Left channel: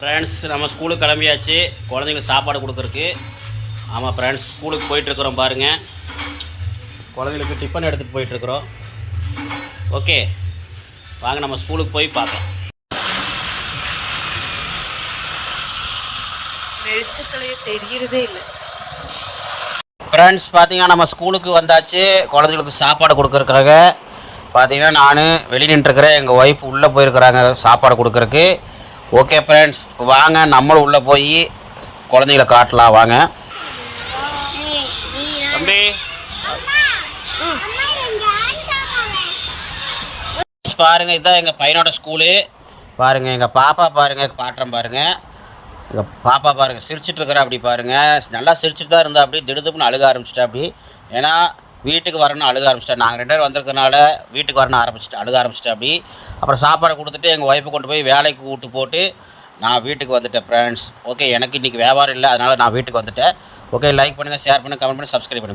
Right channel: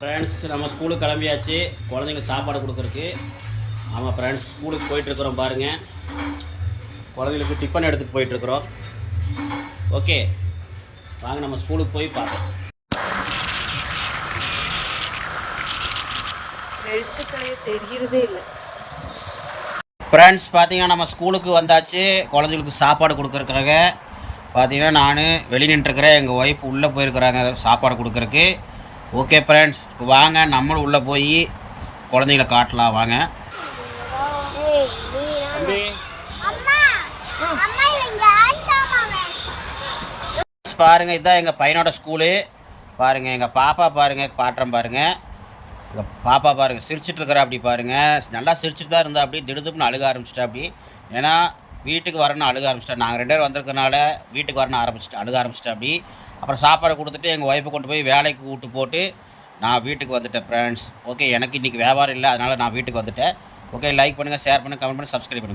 Friends நம்ம ஸ்கூலுக்கு கிளம்பியாச்சு. குழந்தைங்களுக்கு சாப்பாடு கொடுக்குறக்கு ஆமாம் ஃப்ரெண்ட்ஸ் ஸ்கூலுக்கு போயிட்டுருக்குறோம் பாருங்கள் குழந்தைங்களுக்கு டிஃபன் எடுத்துகிட்டு போயிட்டுருக்குறோம் ஓகே வாங்க நம்ம ஸ்கூலுக்கு போய் பார்க்கலாம். வெளிச்சத்துலயே தெரியறதே இல்லை. ஃப்ரெண்ட்ஸ் பார்த்தீங்கன்னா நம்ம ஸ்கூலுக்கு வந்தாச்சு. குழந்தைங்களுக்கு சாப்பாடு கொடுக்குறக்காக பார்த்தீங்கன்னா நான் வெளியே நின்றுருக்கிறேன் எங்கள் ஒய்ஃப் உள்ளே போயிருக்கிறாங்க சாப்பாடு கொடுக்குறக்கு ஓகே ஃப்ரெண்ட்ஸ் வாங்க நம்மளும் உள்ளே போய் குழந்தைங்கள காட்டலாம். வாங்க. பாருங்க இதுதான் எங்கள் பையனோட ஸ்கூலு பாருங்க எங்கள் பாப்பா பாருங்க பாட்டுறேன் பாருங்க. எங்கள் பாப்பா பாருங்க சிரிச்சிட்டு இருக்கிறா அப்படி பாருங்க. நல்லா சிரிச்சிட்டு தான் இருந்தா அப்படி திடுதுப்புன்னு அழுக ஆரம்பிச்சிட்டா அப்படி. ஏன்னா வீட்டுக்கு வரணும்னு அழுக ஆரம்பிச்சிட்டா. நாங்கள் ரெண்டு பேரும் வந்திருக்கனால வீட்டுக்கு வரணும் ஆரம்பிச்சிட்டு அழுக ஆரம்பிச்சிட்டா அப்படி. அப்புறம் சாப்பாடு கொடுத்துட்டு எங்கள் ஒய்ஃபை கொண்டு போய் வேலைக்கு கூப்பிட்டு போட்டு நான் வீட்டுக்கு வந்துட்டேன் ஃப்ரெண்ட்ஸ் ஓகே எனக்கு இன்றைக்கி வியாபாரம் இல்லை அதனால் நான் வீட்டுக்கு வந்துட்டேன். ஓகே லைக் பண்ணுங்கள் ஷேர் பண்ணுங்கள் கமெண்ட் பண்ணி சப்ஸ்கிரைப் பண்ணுங்கள்